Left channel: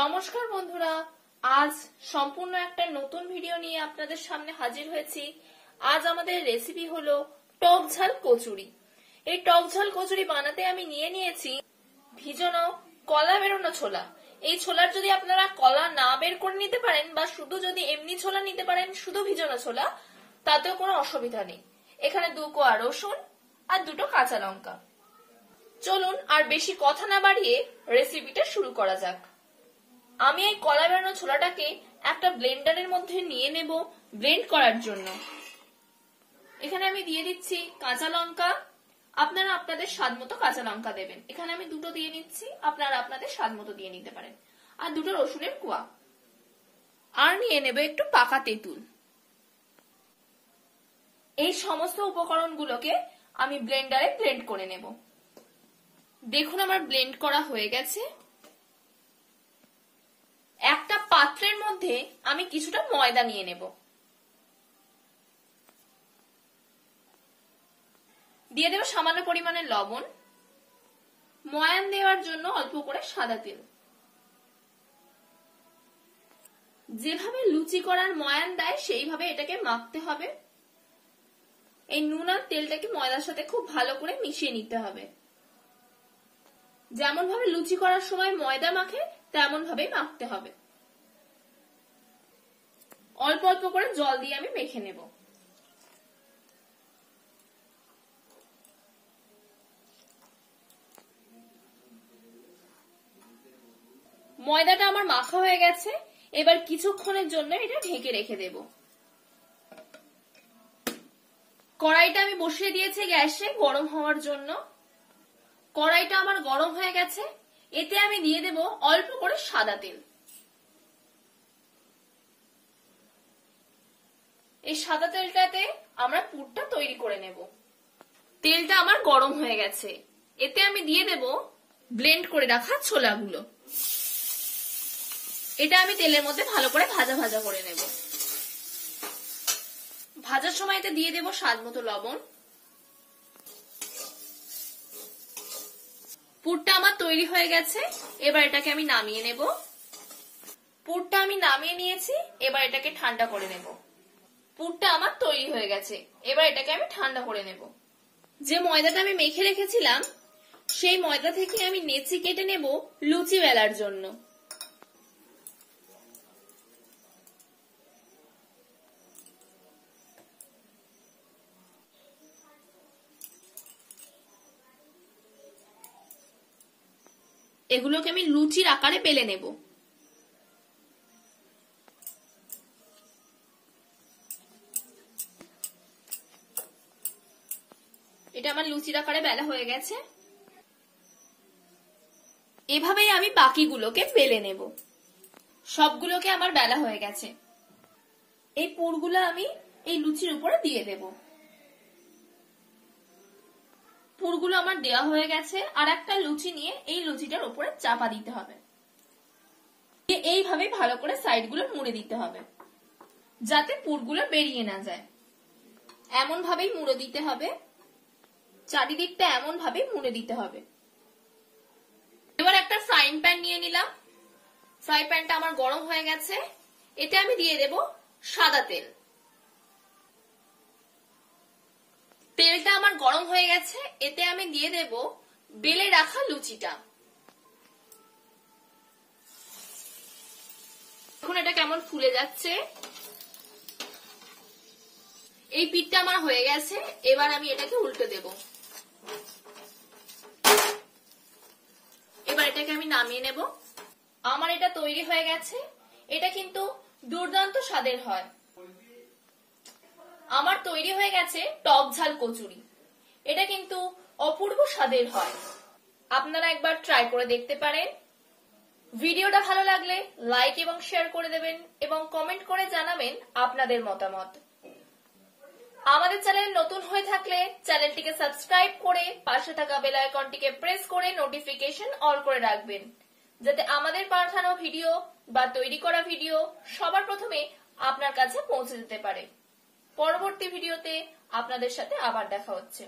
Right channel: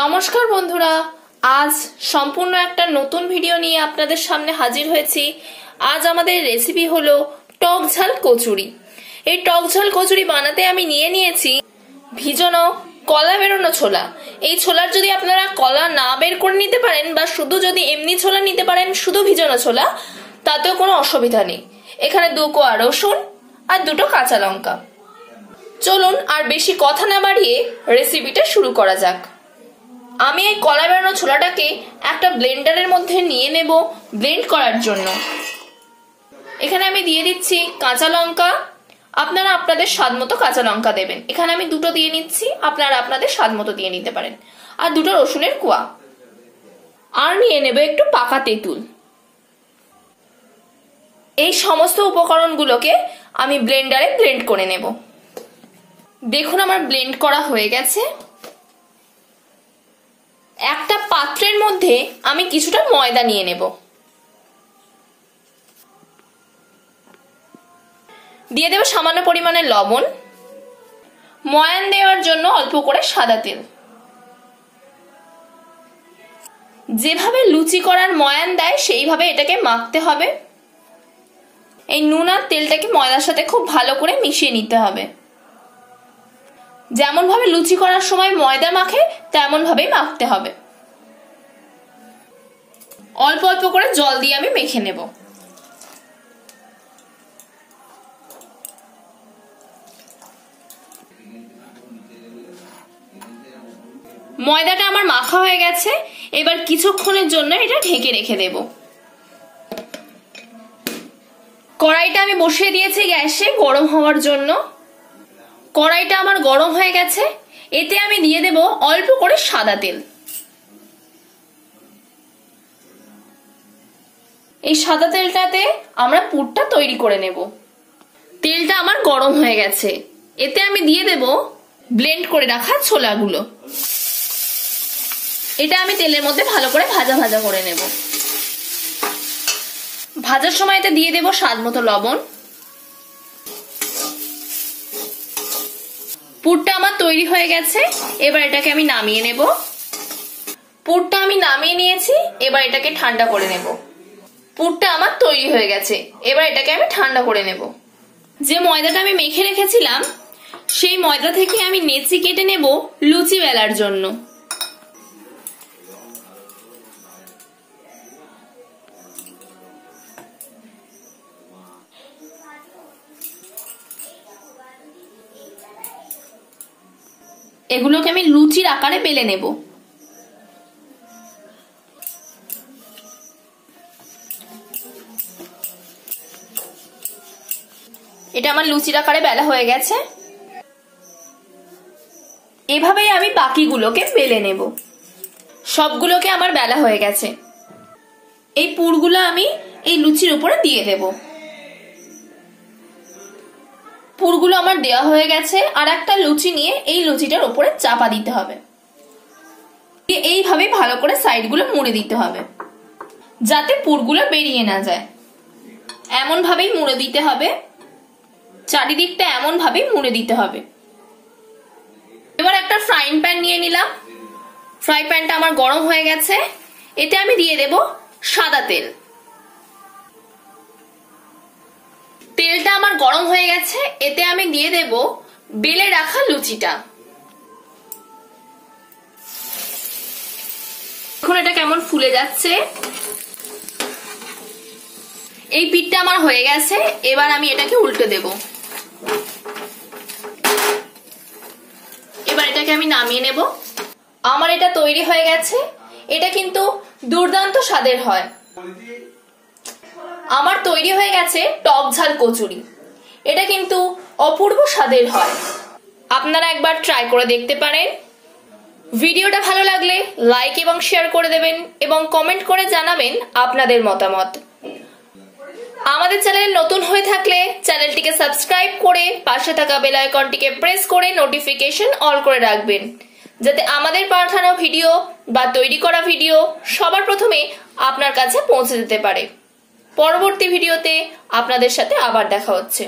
নমস্কার বন্ধুরা, আজ সম্পূর্ণ একটা নতুন ভিডিও নিয়ে আপনাদের সামনে হাজির হয়েছি। আজ আমাদের রেসিপি হলো টক ঝাল কচুরি। এই টক ঝাল কচুরি বানাতে আমি নিয়েছি ভিজানো কলা বেরোনো ছোলা। এই ছোলার যদি আপনারা কলা না বের করে নিতে পারেন বা শুধু যদি এমনি ছোলা নিতে পারেন, শুধু ভিজানো ছোলা, তাতেও কোনো অসুবিধা নেই। এখানে 2 কোয়া রসুন আর 2টো কাঁচা লঙ্কা। চলুন আর বেশি কথা না বাড়িয়ে রেসিপিটা শুরু করা যাক। আমি এই কলা বেরোনো ছোলাটাকে একটা ব্লেন্ডারের মধ্যে নিয়ে নেব ব্লেন্ড করার জন্য। এখানে আমি দিয়ে দিচ্ছি কাঁচা লঙ্কা। আপনারা আপনাদের স্বাদ মতো কাঁচা লঙ্কা দেবেন। এখানে আমি 2টো দিয়ে নিচ্ছি, আপনারা আপনাদের স্বাদ মতো দিয়ে নিতে পারেন। আর 2টো রসুনের কোয়া। আর নিয়ে নেব একটু পাকা তেঁতুল। এই সমস্ত উপকরণগুলোকে আমি ব্লেন্ডারে ব্লেন্ড করে নেব। দেখুন আমার ব্লেন্ড করা হয়ে গেছে। একটা পাত্রের মধ্যে আমি কিছুটা ময়দা নিয়ে নেব। দিয়ে দেব সামান্য পরিমাণে লবণ, ময়ান দেওয়ার জন্য অল্প করে সাদা তেল। যেভাবে লুচি করার ময়ান দেয় সেইভাবে এটাকে মাখতে হবে। এই নুন আর তেলটাকে ময়দার সাথে খুব ভালো করে মিশিয়ে নিতে হবে। যেমন ভাবে লুচি করার সময় ময়দা মাখে তেমন ভাবেই মাখতে হবে। অল্প অল্প করে জল দিয়ে আমি মেখে নেব। ময়দাটা আমার মাখা হয়ে গেছে। এবার কিছুক্ষণের জন্য এটা ঢেকে রেখে দেব। কড়াইটা আমি বসিয়ে দিয়েছি গ্যাসে গরম হওয়ার জন্য। কড়াইটা আমার গরম হয়ে গেছে। এতে আমি দিয়ে দেব অল্প করে সাদা তেল। এই সাদা তেলটাতে আমরা পুরটা তৈরি করে নেব। তেলটা আমার গরম হয়ে গেছে। এতে আমি দিয়ে দেব ব্লেন্ড করে রাখা ছোলাগুলো। এটা আমি তেলের মধ্যে ভালো করে ভাজা ভাজা করে নেব। ভাজার সময় এতে দিয়ে দেব স্বাদ মতো লবণ। পুরটা আমার তৈরি হয়ে গেছে। এবার এটাকে আমি নামিয়ে নেব। পুরটা আমি নামিয়ে নিয়েছি। এবার এটাকে ঠান্ডা করে নেব। পুরটা আমার তৈরি হয়ে গেছে। এবার এটাকে আমি ঠান্ডা করে নেব। যে ময়দাটা আমি মেখে রেখেছিলাম সেই ময়দা থেকে আমি নেচি কেটে নেব লুচি বেলার জন্য। এগুলোকে আমি লুচির আকারে বেলে নেব। এটা আমার লুচির আকারে বেলা হয়ে গেছে। এভাবেই আমি বাকিগুলোকে বেলে নেব। সবগুলোকে আমার বেলা হয়ে গেছে। এই পুরগুলো আমি এই লুচির উপরে দিয়ে দেব। পুরগুলো আমার দেওয়া হয়ে গেছে। আর একটা লুচি নিয়ে এই লুচিটার উপরে চাপা দিতে হবে। এইভাবে ভালো করে সাইডগুলো মুড়ে দিতে হবে যাতে পুরগুলো বেরিয়ে না যায়। এমন ভাবেই মুড়ে দিতে হবে। চারিদিকটা এমন ভাবেই মুড়ে দিতে হবে। এবার একটা ফ্রাইং প্যান নিয়ে নিলাম। ফ্রাই প্যানটা আমার গরম হয়ে গেছে। এতে আমি দিয়ে দেব সাদা তেল। তেলটা আমার গরম হয়ে গেছে। এতে আমি দিয়ে দেব বেলে রাখা লুচিটা। এখন এটা কেমন ফুলে যাচ্ছে। এই পিঠটা আমার হয়ে গেছে। এবার আমি এটাকে উল্টে দেব। এবার এটাকে আমি নামিয়ে নেব। আমার এটা তৈরি হয়ে গেছে। এটা কিন্তু দুর্দান্ত স্বাদের হয়। আমার তৈরি হয়ে গেছে টক ঝাল কচুরি। এটা কিন্তু অপূর্ব স্বাদের হয়। আপনারা একবার ট্রাই করে দেখতে পারেন। ভিডিওটা ভালো লাগলে লাইক এবং শেয়ার করে দেবেন এবং কমেন্ট করে জানাবেন আপনাদের মতামত। আমাদের চ্যানেল নতুন হয়ে থাকলে চ্যানেলটিকে সাবস্ক্রাইব করে পাশে থাকা বেল আইকনটিকে প্রেস করে নোটিফিকেশন অল করে রাখবেন, যাতে আমাদের পাঠানো ভিডিও বা তৈরি করা ভিডিও সবার প্রথমে আপনার কাছে পৌঁছে যেতে পারে। পরবর্তী ভিডিওতে আপনাদের সাথে আবার দেখা হচ্ছে।